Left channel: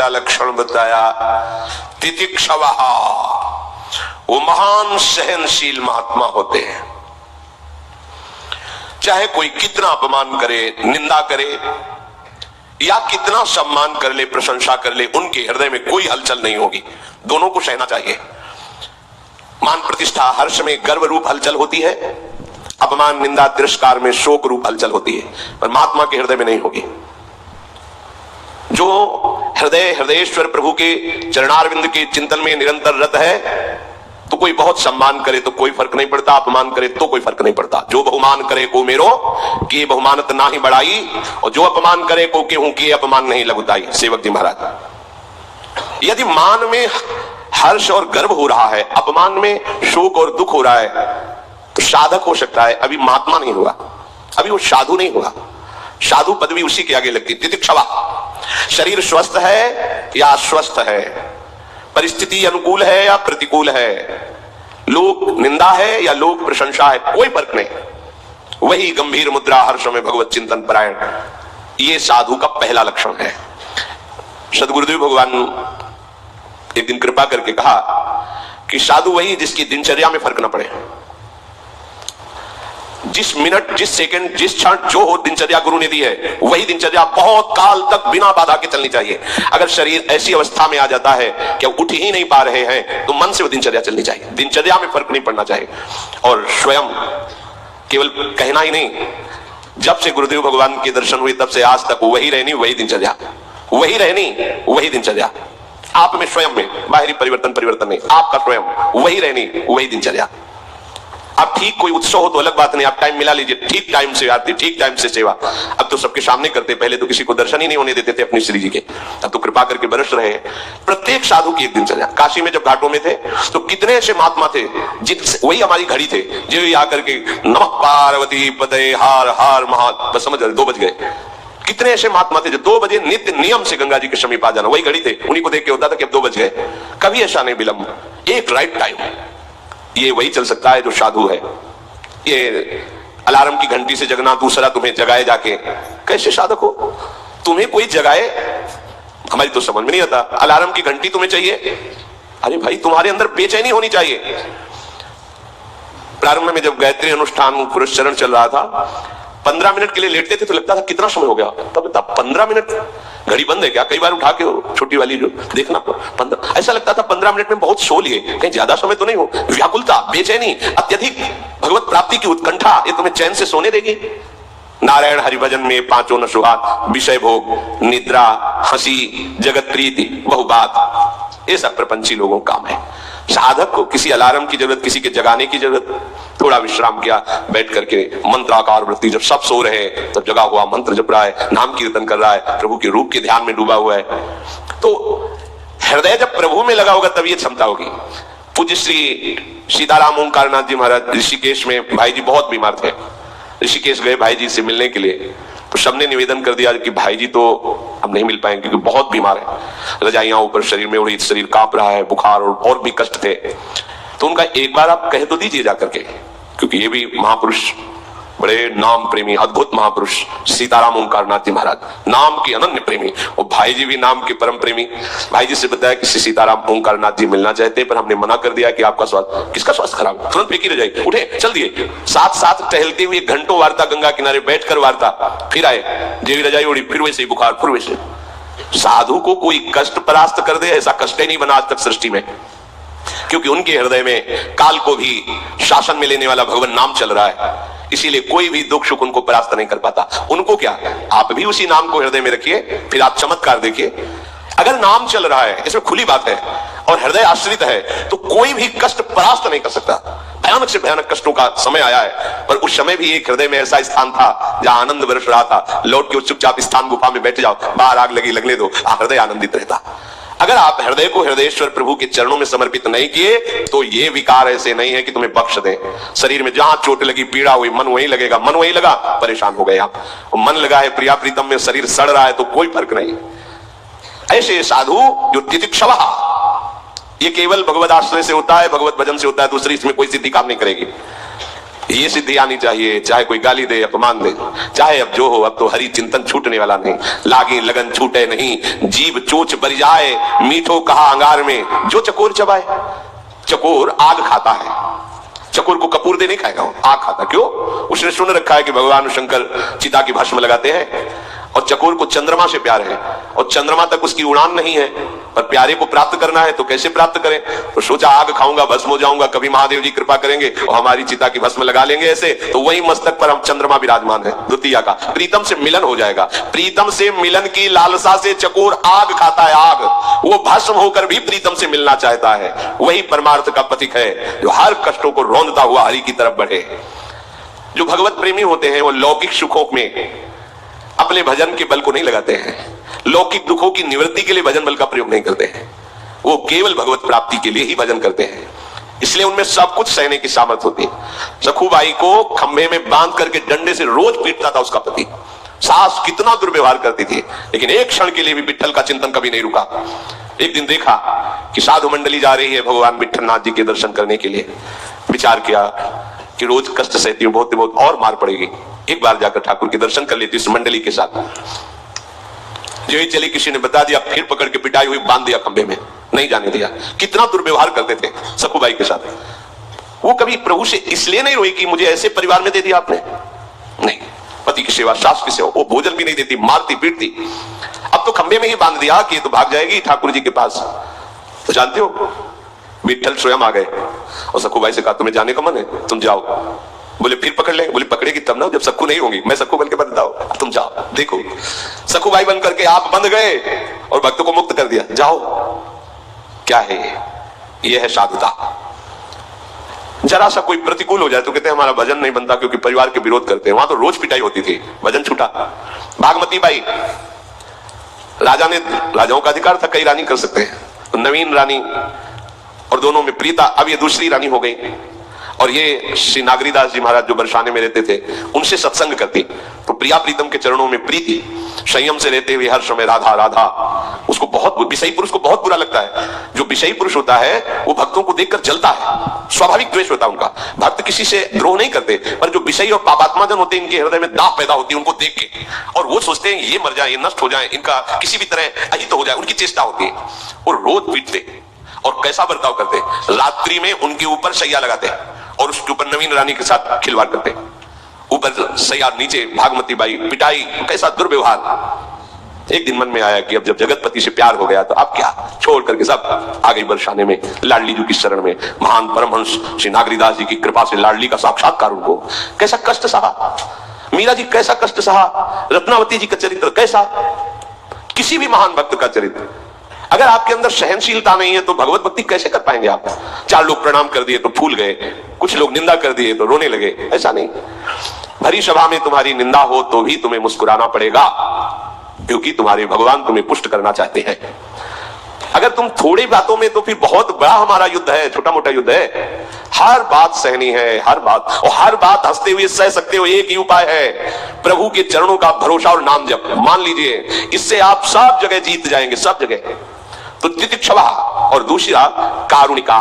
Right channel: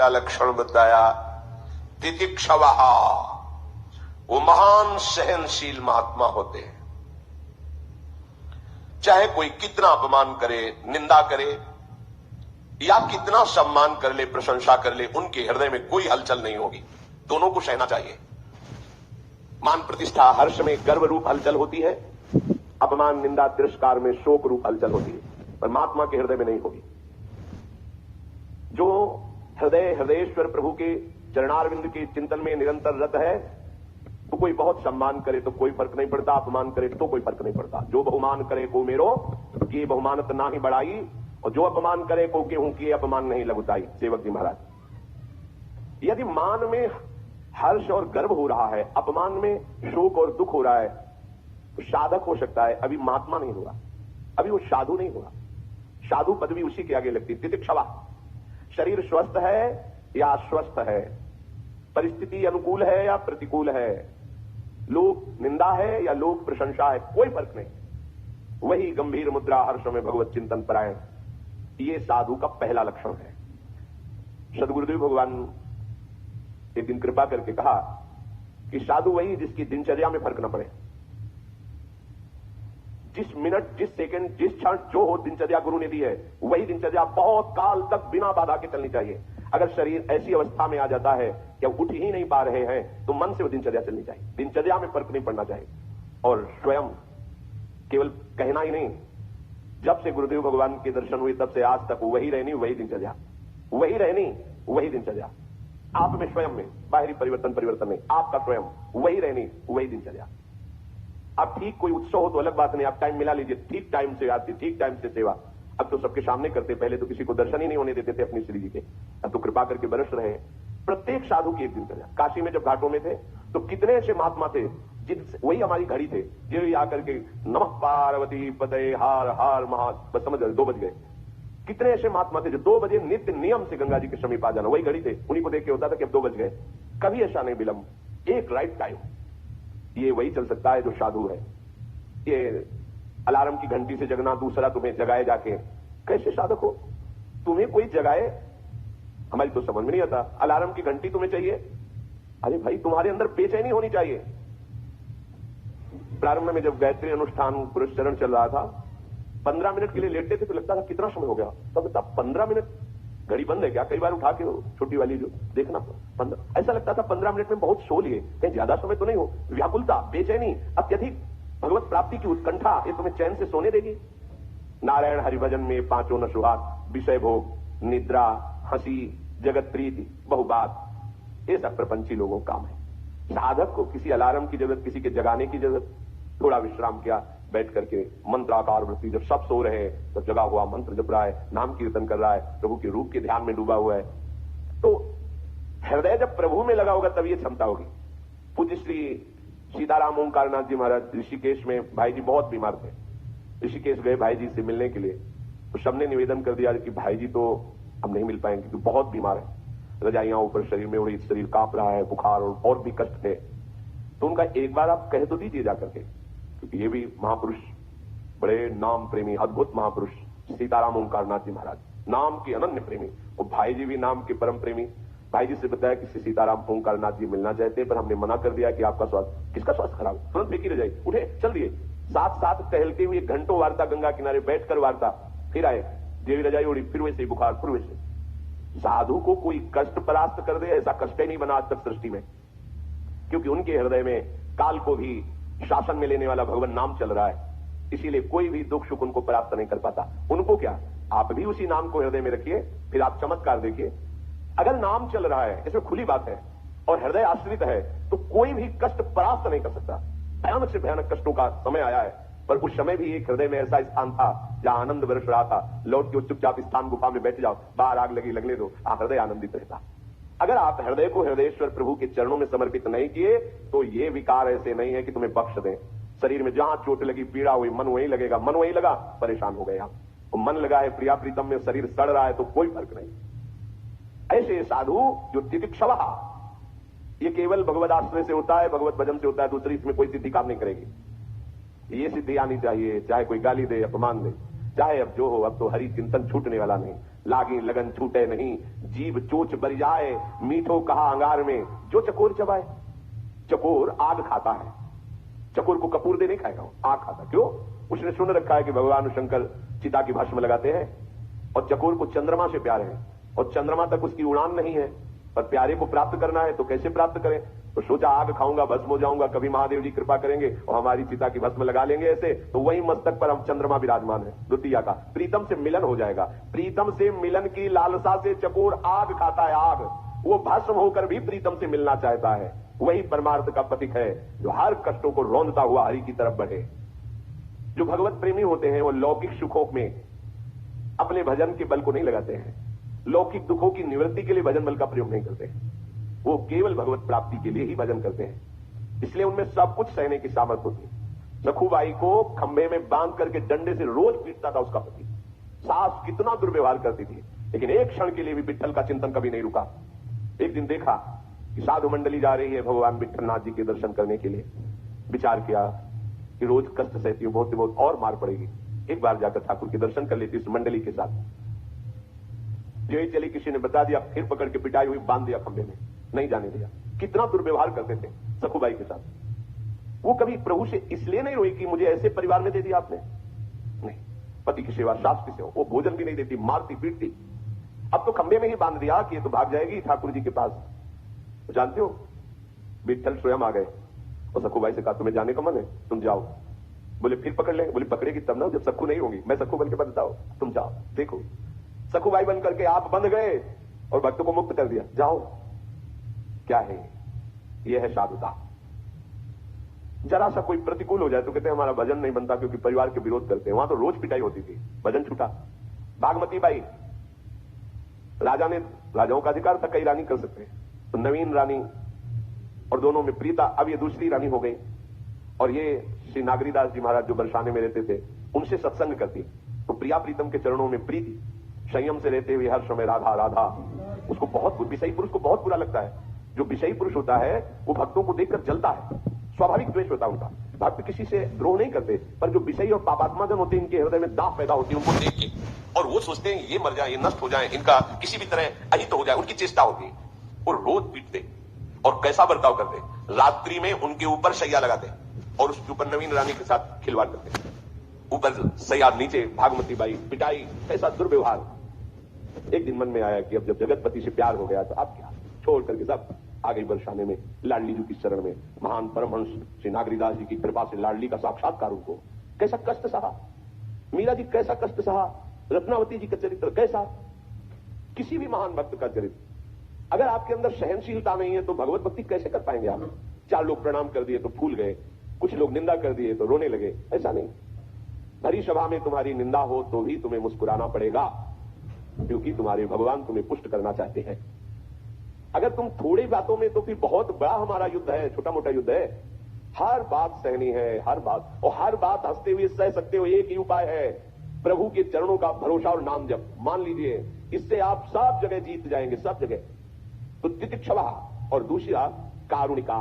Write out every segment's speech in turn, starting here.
पहला लक्षण बताया तितिक्षवः, वो महान सहनशील महात्मा होते हैं। चाहे कोई कितना अपमान करे, निंदा करे या कितना सम्मान कर ले, प्रशंसा कर ले, उनके हृदय में कोई हलचल नहीं होगी। दोनों को सहना चाहिए। मान प्रतिष्ठा हर्ष में गर्व रूप हलचल होती है, अपमान निंदा तिरस्कार में शोक रूप हलचल होती है, पर महात्मा के हृदय में नहीं होगी। जो हृदयेश्वर प्रभु के चरणारविंद के चिंतन में निरंतर रत है, तो कोई बहुत सम्मान करे तो कोई फर्क नहीं पड़ता, अपमान करे तो कोई फर्क नहीं पड़ता। जो बहुमान करे को मेरो कि बहुमानत ना ही बढ़ाई, और जो अपमान करे को केहू कि अपमान नहीं लगुताई। सेवक जी महाराज, यदि मान में हर्ष और गर्व हो रहा है, अपमान में शोक और दुख हो रहा है, तो साधक हो सकता है, अभी महात्मा नहीं हुआ, अभी वो साधु नहीं हुआ। साधु पदवी उसी के आगे लगती। तितिक्षवा, शरीर स्वस्थ है या अस्वस्थ है, परिस्थिति अनुकूल है या प्रतिकूल है, लोक निंदा है या लोक प्रशंसा है, कोई फर्क नहीं। वही गंभीर मुद्रा हर्ष में भगवत चिंतन परायण, ये साधु का पहला लक्षण है। सदगुरुदेव भगवान एक दिन कृपा करके कहा कि साधु वही जिसकी दिनचर्या में फर्क ना पड़े। जिस मिनट, जिस सेकंड, जिस क्षण जो हो दिनचर्या गुरु ने दी है, वही दिनचर्या बहुत काल तक बिना बाधा के चलनी चाहिए। अगर शरीर ऐसी अवस्था में आ जाता है कि उठ ही नहीं पा रहे हैं, तो मन से वो दिनचर्या चलनी चाहिए। दिनचर्या में फर्क नहीं पड़ना चाहिए। और स्वयं केवल कहना ही नहीं, जब से गुरुदेव भगवान के दर्शन हुए तब से आज तक वही रहनी वही दिनचर्या, वही रहनी वही दिनचर्या। आप में स्वयं में बाहरी परिवर्तन नहीं, आपका स्वयं वही रहनी वही दिनचर्या। आप ठीक कोई उत्सव हो तो अलग बात नहीं, आप टाइम मिला लीजिए, ठीक टाइम से आरती, ठीक टाइम से सेवा। अब तो सबके सामने करते, पहले तो किसी को दर्शन ही नहीं होने देते थे अपनी श्री जी के, अब तो कृपा करके बरस रहे हैं। प्रत्येक साधु की एक दिनचर्या। काशी में जब घाटों में थे तो कितने ऐसे महात्मा थे, वही हमारी घड़ी थे, जो आकर के नमः पार्वती पते हार हार महा, बस समझ 2 बज गए। कितने ऐसे महात्मा थे जो 2 बजे नित्य नियम से गंगा जी के समीप आ जाना, वही घड़ी थे, उन्हीं को देख के होता था कि अब 2 बज गए। कभी ऐसा नहीं विलंब, एक राइट टाइम। ये वही चल सकता है जो साधु है। ये अलार्म की घंटी से जगना, दूसरा तुम्हें जगाए जाके, कैसे साधक हो? तुम्हें कोई जगाए, हमारी तो समझ में नहीं आता। अलार्म की घंटी तुम्हें चाहिए, अरे भाई तुम्हारे अंदर बेचैनी होनी चाहिए। प्रारंभ में जब गायत्री अनुष्ठान पुरस्चरण चल रहा था, 15 मिनट के लिए लेटते थे तो लगता था कितना समय हो गया, तब 15 मिनट, घड़ी बंद है क्या? कई बार उठा के छोटी वाली जो देखना, 15, ऐसा लगता था 15 मिनट में बहुत सो लिए, कहीं ज्यादा समय तो नहीं हो। व्याकुलता, बेचैनी, अत्यधिक भगवत प्राप्ति की उत्कंठा, ये तुम्हें चैन से सोने देगी? नारायण हरिभजन में 5 न सुहाग, विषय भोग, निद्रा, हंसी, जगत प्रीति, बहु बात, ये सब प्रपंची लोगों का काम है। साधक को किसी अलार्म की जरूरत, किसी के जगाने की जरूरत, थोड़ा विश्राम किया, बैठ करके मंत्राकार वृत्ति, जब सब सो रहे हैं तब जगा हुआ मंत्र जप रहा है, नाम कीर्तन कर रहा है, प्रभु के रूप के ध्यान में डूबा हुआ है, तो हृदय जब प्रभु में लगा होगा तब ये क्षमता होगी। पूज्य श्री सीताराम ओंकारनाथ जी महाराज ऋषिकेश में, भाई जी बहुत बीमार थे, ऋषिकेश गए भाई जी से मिलने के लिए, तो सबने निवेदन कर दिया कि भाई जी तो अब नहीं मिल पाएंगे क्योंकि बहुत बीमार है, रजाइयां ऊपर शरीर में उड़ी, शरीर कांप रहा है, बुखार और भी कष्ट थे। तो उनका एक बार आप कह तो दीजिए जाकर के, क्योंकि ये भी महापुरुष, बड़े नाम प्रेमी अद्भुत महापुरुष सीताराम ओंकारनाथ जी महाराज, नाम के अनन्य प्रेमी, और भाई जी भी नाम के परम प्रेमी। भाई जी से बताया कि सीताराम ओंकारनाथ जी मिलना चाहते, पर हमने मना कर दिया कि आपका स्वास्थ्य, किसका स्वास्थ्य खराब, तुरंत फेंकी रह जाए, उठे चल दिए। साथ साथ टहलते हुए घंटों वार्ता, गंगा किनारे बैठकर वार्ता, फिर आए, जेवी रजाई उड़ी, फिर वैसे ही बुखार, फिर वैसे। साधु को कोई कष्ट परास्त कर दे, ऐसा कष्ट ही नहीं बना आज तक सृष्टि में, क्योंकि उनके हृदय में काल को भी शासन में लेने वाला भगवान नाम चल रहा है, इसीलिए कोई भी दुख सुख उनको परास्त नहीं कर पाता। उनको क्या, आप भी उसी नाम को हृदय में रखिए, फिर आप चमत्कार देखिए। अगर नाम चल रहा है, इसमें खुली बात है, और हृदय आश्रित है, तो कोई भी कष्ट परास्त नहीं कर सकता। भयानक से भयानक कष्टों का समय आया है, पर उस समय भी एक हृदय में ऐसा स्थान था जहां आनंद बरस रहा था। लौट के चुपचाप स्थान गुफा में बैठ जाओ, बाहर आग लगी लगने दो, हृदय आनंदित रहता। अगर आप हृदय को हृदयेश्वर प्रभु के चरणों में समर्पित नहीं किए, तो ये विकार ऐसे नहीं है कि तुम्हें बख्श दें। शरीर में जहां चोट लगी, पीड़ा हुई, मन वहीं लगेगा, मन वहीं लगा, परेशान हो गए आप। मन लगा है प्रिया प्रीतम में, शरीर सड़ रहा है, तो कोई फर्क नहीं। ऐसे साधु जो तितिक्षवः, ये केवल भगवत आश्रय से होता है, भगवत भजन से होता है, दूसरी इसमें कोई सिद्धि काम नहीं करेगी। ये सिद्धि आनी चाहिए, चाहे कोई गाली दे अपमान दे, चाहे अब जो हो, अब तो हरि चिंतन छूटने वाला नहीं। लागी लगन छूटे नहीं, जीव चोच बर जाए, मीठो कहा अंगार में जो चकोर चबाए। चकोर आग खाता है, चकोर को कपूर दे नहीं खाएगा, वो आग खाता। क्यों? उसने सुन रखा है कि भगवान शंकर चिता की भस्म लगाते हैं, और चकोर को चंद्रमा से प्यार है, और चंद्रमा तक उसकी उड़ान नहीं है, पर प्यारे को प्राप्त करना है तो कैसे प्राप्त करें? तो सोचा आग खाऊंगा, भस्म हो जाऊंगा, कभी महादेव जी कृपा करेंगे और हमारी चिता की भस्म लगा लेंगे ऐसे, तो वही मस्तक पर हम चंद्रमा विराजमान है। द्वितीया का प्रीतम से मिलन हो जाएगा। प्रीतम से मिलन की लालसा से चकोर आग खाता है, आग। वो भस्म होकर भी प्रीतम से मिलना चाहता है। वही परमार्थ का प्रतीक है जो हर कष्टों को रौंदता हुआ हरि की तरफ बढ़े। जो भगवत प्रेमी होते हैं वो लौकिक सुखों में अपने भजन के बल को नहीं लगाते हैं, लौकिक दुखों की निवृत्ति के लिए भजन बल का प्रयोग नहीं करते हैं, वो केवल भगवत प्राप्ति के लिए ही भजन करते हैं। इसलिए उनमें सब कुछ सहने की सामर्थ्य होती है। सखुबाई को खंभे में बांध करके डंडे से रोज पीटता था उसका पति। सास कितना दुर्व्यवहार करती थी, लेकिन एक क्षण के लिए भी विट्ठल का चिंतन कभी नहीं रुका। एक दिन देखा कि साधु मंडली जा रही है भगवान विट्ठलनाथ जी के दर्शन करने के लिए। विचार किया कि रोज कष्ट सहती हूँ, बहुत बहुत और मार पड़ेगी, एक बार जाकर ठाकुर के दर्शन कर लेती इस मंडली के साथ। जो ही चली, किसी ने बता दिया, फिर पकड़ के पिटाई हुई, बांध दिया खंबे में, नहीं जाने दिया। कितना दुर्व्यवहार करते थे सखुबाई के साथ। वो कभी प्रभु से इसलिए नहीं रोई कि मुझे ऐसे परिवार में दे दिया आपने, नहीं। पति की सेवा, सास की सेवा, वो भोजन भी नहीं देती, मारती पीटती। अब तो खंबे में ही बांध दिया कि ये तो भाग जाएगी ठाकुर जी के पास। तो जानते हो विट्ठल स्वयं आ गए और सखुबाई से कहा तुम्हें जाने का मन है, तुम जाओ। बोले फिर पकड़ लेंगे? बोले पकड़ेगी तब ना, जब सखु नहीं होंगी, मैं सखु बन के बंधता हूं, तुम जाओ। देखो सखुबाई बन करके आप बंध गए और भक्तों को मुक्त कर दिया, जाओ। क्या है ये है साधुता। जरा सा कोई प्रतिकूल हो जाए तो कहते हैं हमारा भजन नहीं बनता क्योंकि परिवार के विरोध करते हैं। वहां तो रोज पिटाई होती थी, भजन छूटा। भागमती बाई, राजाओं का अधिकार था, कई रानी कर सकते हैं, तो नवीन रानी और दोनों में प्रीता, अब ये दूसरी रानी हो गई। और ये श्री नागरीदास जी महाराज जो बरसाने में रहते थे, उनसे सत्संग करती, तो प्रिया प्रीतम के चरणों में प्रीति, संयम से रहते हुए हर समय राधा राधा। उसको बहुत, विषयी पुरुष को बहुत बुरा लगता है। जो विषयी पुरुष होता है वो भक्तों को देखकर जलता है, स्वाभाविक द्वेष होता है उनका। भक्त किसी से द्रोह नहीं करते, पर जो विषयी और पापात्मा जन होते हैं, इनके हृदय में दाह पैदा होती है उनको देख के, और वो सोचते हैं ये मर जाए, ये नष्ट हो जाए, इनका किसी भी तरह अहित हो जाए, उनकी चेष्टा होती है। और रोज पीटते और कैसा बर्ताव करते, रात्रि में उनके ऊपर शैया लगाते और उसके ऊपर नवीन रानी के साथ खिलवाड़ करते, ऊपर सैया, नीचे भागमती बाई, पिटाई, कैसा दुर्व्यवहार। एक दिन मन में आया कि अब जब जगतपति से प्यार हो गया तो अब क्या, छोड़ करके सब आ गई बरसाने में, लाडली जी की शरण में। महान परमहंस श्री नागरीदास जी की कृपा से लाडली का साक्षात्कार उनको। कैसा कष्ट सहा मीरा जी, कैसा कष्ट सहा रत्नावती जी का चरित्र, कैसा किसी भी महान भक्त का चरित्र। अगर आपके अंदर सहनशीलता नहीं है तो भगवत भक्ति कैसे कर पाएंगे आप? चार लोग प्रणाम कर दिए तो फूल गए, कुछ लोग निंदा कर दिए तो रोने लगे, ऐसा नहीं। भरी सभा में तुम्हारी निंदा हो तो भी तुम्हें मुस्कुराना पड़ेगा, क्योंकि तुम्हारे भगवान तुम्हें पुष्ट करना चाहते हैं। अगर तुम थोड़ी बातों में, तो फिर बहुत बड़ा हमारा युद्ध है, छोटा मोटा युद्ध है। हर बात सहनी है, हर बात, और हर बात हंसते हुए सह सकते हो। एक ही उपाय है, प्रभु के चरणों का भरोसा और नाम जप। मान लीजिए इससे आप सब जगह जीत जाएंगे, सब जगह। तो तितिक्षवा और दूसरा कारुणिका,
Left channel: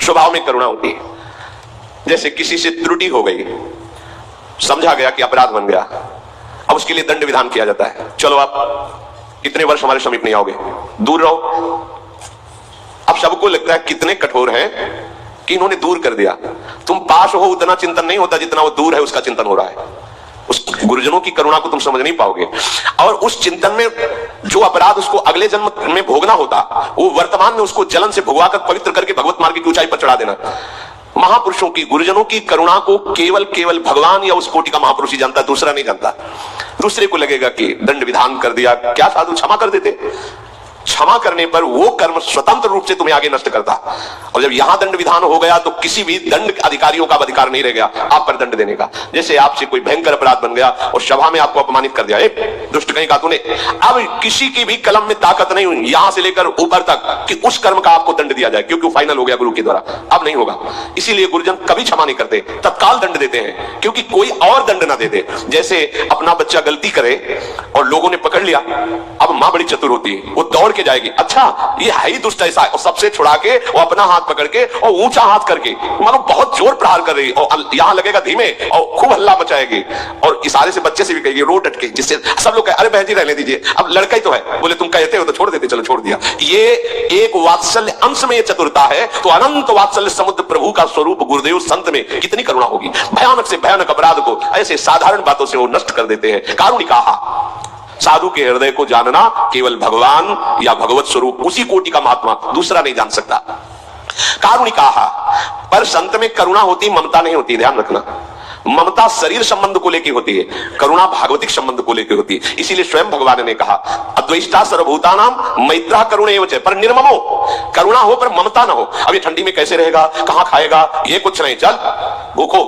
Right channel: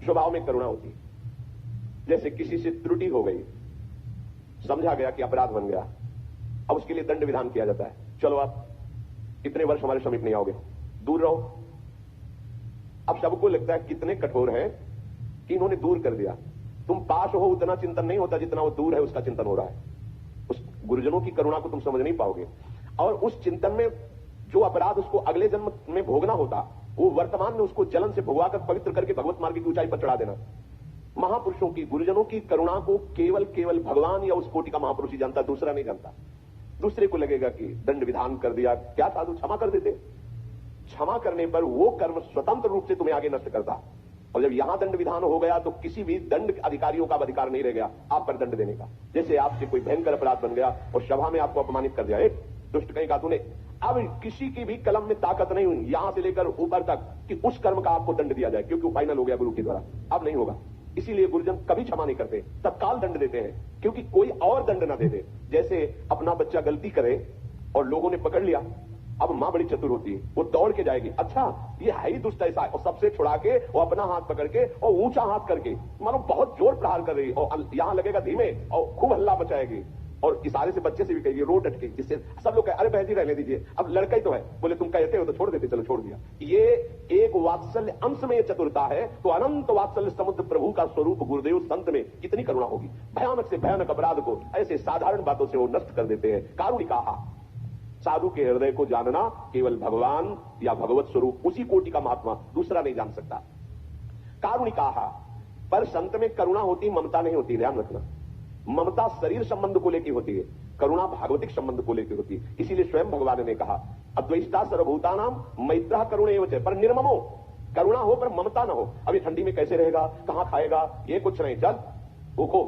स्वभाव में करुणा होती है। जैसे किसी से त्रुटि हो गई, समझा गया कि अपराध बन गया, अब उसके लिए दंड विधान किया जाता है। चलो आप इतने वर्ष हमारे समीप नहीं आओगे, दूर रहो। अब सबको लगता है कितने कठोर हैं कि इन्होंने दूर कर दिया। तुम पास हो उतना चिंतन नहीं होता जितना वो दूर है उसका चिंतन हो रहा है। उस गुरुजनों की करुणा को तुम समझ नहीं पाओगे, और उस चिंतन में जो अपराध उसको अगले जन्म में भोगना होता, वो वर्तमान में उसको जलन से भुगवा कर पवित्र करके भगवत मार्ग की ऊंचाई पर चढ़ा देना। महापुरुषों की, गुरुजनों की करुणा को केवल भगवान या उस कोटि का महापुरुष ही जानता, दूसरा नहीं जानता। दूसरे को लगेगा कि दंड विधान कर दिया, क्या साधु क्षमा कर देते? क्षमा करने पर वो कर्म स्वतंत्र रूप से तुम्हें आगे नष्ट करता। और जब यहां दंड विधान हो गया तो किसी भी दंड अधिकारियों का अधिकार नहीं रह गया आप पर दंड देने का। जैसे आपसे कोई भयंकर अपराध बन गया और सभा में आपको अपमानित कर दिया, दुष्ट कहीं का तूने, अब किसी की भी कलम में ताकत नहीं हुई यहां से लेकर ऊपर तक कि उस कर्म का आपको दंड दिया जाए, क्योंकि वो फाइनल हो गया गुरु के द्वारा, अब नहीं होगा। इसीलिए गुरुजन कभी क्षमा नहीं करते, तत्काल दंड देते हैं, क्योंकि कोई और दंड ना दे दे। जैसे अपना बच्चा गलती करे और लोगों ने पकड़ लिया, अब मां बड़ी चतुर होती है, वो दौड़ के जाएगी। अच्छा ये है ही दुष्ट ऐसा, और सबसे छुड़ा के वो अपना हाथ पकड़ के और ऊंचा हाथ करके मानो बहुत जोर प्रहार कर रही, और यहां लगेगा धीमे और खूब हल्ला मचाएगी, और इशारे से बच्चे से भी कहेगी रो डट के, जिससे सब लोग कहे अरे बहन जी रहने दीजिए, अब लड़का ही तो है, बोले तुम कहते हो तो छोड़ देते, चलो छोड़ दिया। ये एक वात्सल्य अंश में ये चतुरता है, तो अनंत वात्सल्य समुद्र प्रभु का स्वरूप गुरुदेव संत में कितनी करुणा होगी। भयानक से भयानक अपराध को ऐसे साधारण बातों से वो नष्ट कर देते हैं। कारुणिका साधु के हृदय को जानना केवल भगवान या भगवत स्वरूप उसी कोटि का महात्मा दूसरा नहीं जान सकता। कारुणिका पर संत में करुणा होती, ममता नहीं होती, ध्यान रखना। ममता शरीर संबंध को लेकर होती है, करुणा भागवतिक संबंध को लेकर होती है। इसीलिए स्वयं भगवान ने कहा अद्वैष्टा सर्वभूतानां मैत्रः करुणैव च, पर निर्ममो, करुणा हो पर ममता ना हो। अब ये ठंडी में कैसे रहेगा, कहां खाएगा, ये कुछ नहीं, चल भूखो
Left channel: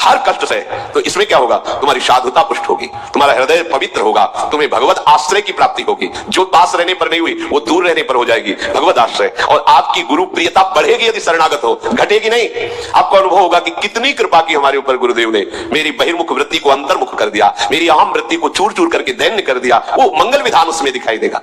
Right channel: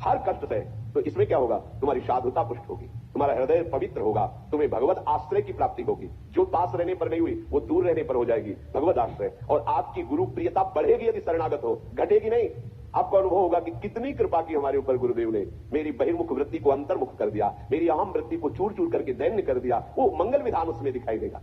हर कष्ट से, तो इसमें क्या होगा, तुम्हारी साधुता पुष्ट होगी, तुम्हारा हृदय पवित्र होगा, तुम्हें भगवत आश्रय की प्राप्ति होगी। जो पास रहने पर नहीं हुई वो दूर रहने पर हो जाएगी भगवत आश्रय, और आपकी गुरु प्रियता बढ़ेगी यदि शरणागत हो, घटेगी नहीं। आपको अनुभव होगा कि कितनी कृपा की हमारे ऊपर गुरुदेव ने, मेरी बहिर्मुख वृत्ति को अंतर्मुख कर दिया, मेरी अहम वृत्ति को चूर चूर करके दैन्य कर दिया, वो मंगल विधान उसमें दिखाई देगा।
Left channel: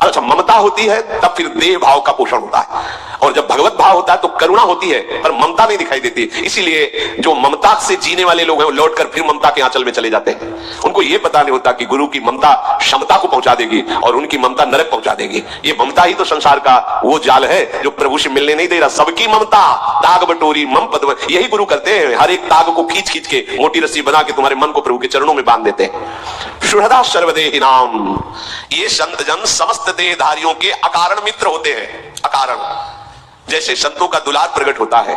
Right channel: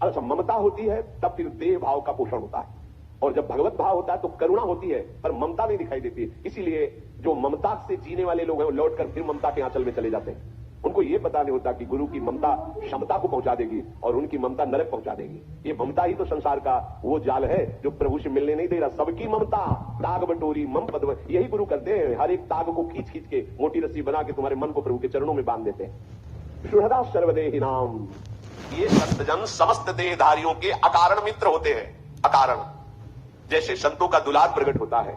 अच्छा ममता होती है तब फिर देह भाव का पोषण होता है, और जब भगवत भाव होता है तो करुणा होती है पर ममता नहीं दिखाई देती। इसीलिए जो ममता से जीने वाले लोग हैं वो लौटकर फिर ममता के आंचल में चले जाते हैं। उनको ये पता नहीं होता कि गुरु की ममता क्षमता को पहुंचा देगी और उनकी ममता नरक पहुंचा देगी। ये ममता ही तो संसार का वो जाल है जो प्रभु से मिलने नहीं दे रहा। सबकी ममता दाग बटोरी मम पद, यही गुरु करते हैं, हर एक दाग को खींच खींच के मोटी रस्सी बना के तुम्हारे मन को प्रभु के चरणों में बांध देते हैं। सुहृदा सर्वदेहि नाम, ये संत जन समस्त देहधारियों के अकारण मित्र होते हैं। अकारण जैसे संतों का दुलार प्रकट होता है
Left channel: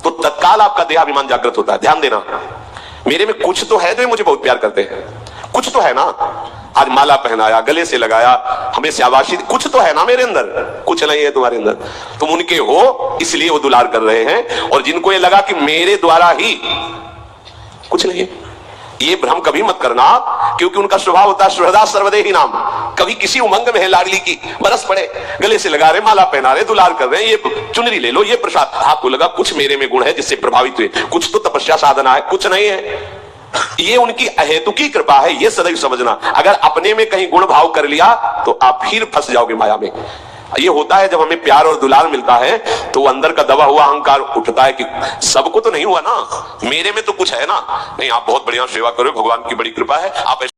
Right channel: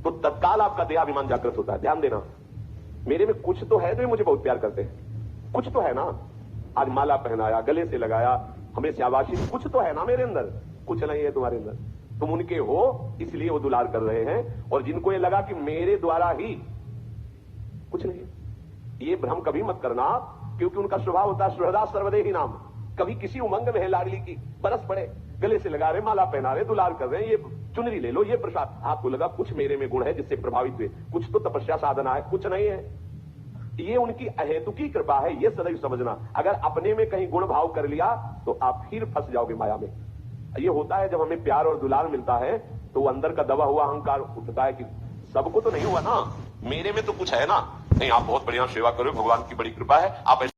तो तत्काल आपका देहाभिमान जागृत होता है। ध्यान देना, मेरे में कुछ तो है जो मुझे बहुत प्यार करते हैं, कुछ तो है ना, आज माला पहनाया, गले से लगाया, हमें शाबाशी, कुछ तो है ना मेरे अंदर, कुछ नहीं है तुम्हारे अंदर, तुम उनके हो इसलिए वो दुलार कर रहे हैं। और जिनको ये लगा कि मेरे द्वारा ही कुछ नहीं है, ये भ्रम कभी मत करना, क्योंकि उनका स्वभाव होता है सुहृदा सर्वदेहि नाम। कभी किसी उमंग में है लाडली की, बरस पड़े, गले से लगा रहे, माला पहना रहे, दुलार कर रहे हैं, ये चुनरी ले लो, ये प्रसाद, आपको लगा कुछ मेरे में गुण है जिससे प्रभावित हुए, कुछ तो तपस्या साधना है, कुछ नहीं है, ये उनकी अहेतुकी कृपा है, ये सदैव समझना। अगर अपने में कहीं गुण भाव कर लिया तो आप फिर फंस जाओगे माया में। ये होता है जब हमें प्यार और दुलार मिलता है तो अंदर का दबा हुआ अहंकार उठता है कि सबको तो नहीं हुआ ना, मेरे में तो कुछ है ना, नहीं आप बहुत बढ़िया सेवा करो, भगवान की बड़ी कृपा है, आप ऐसे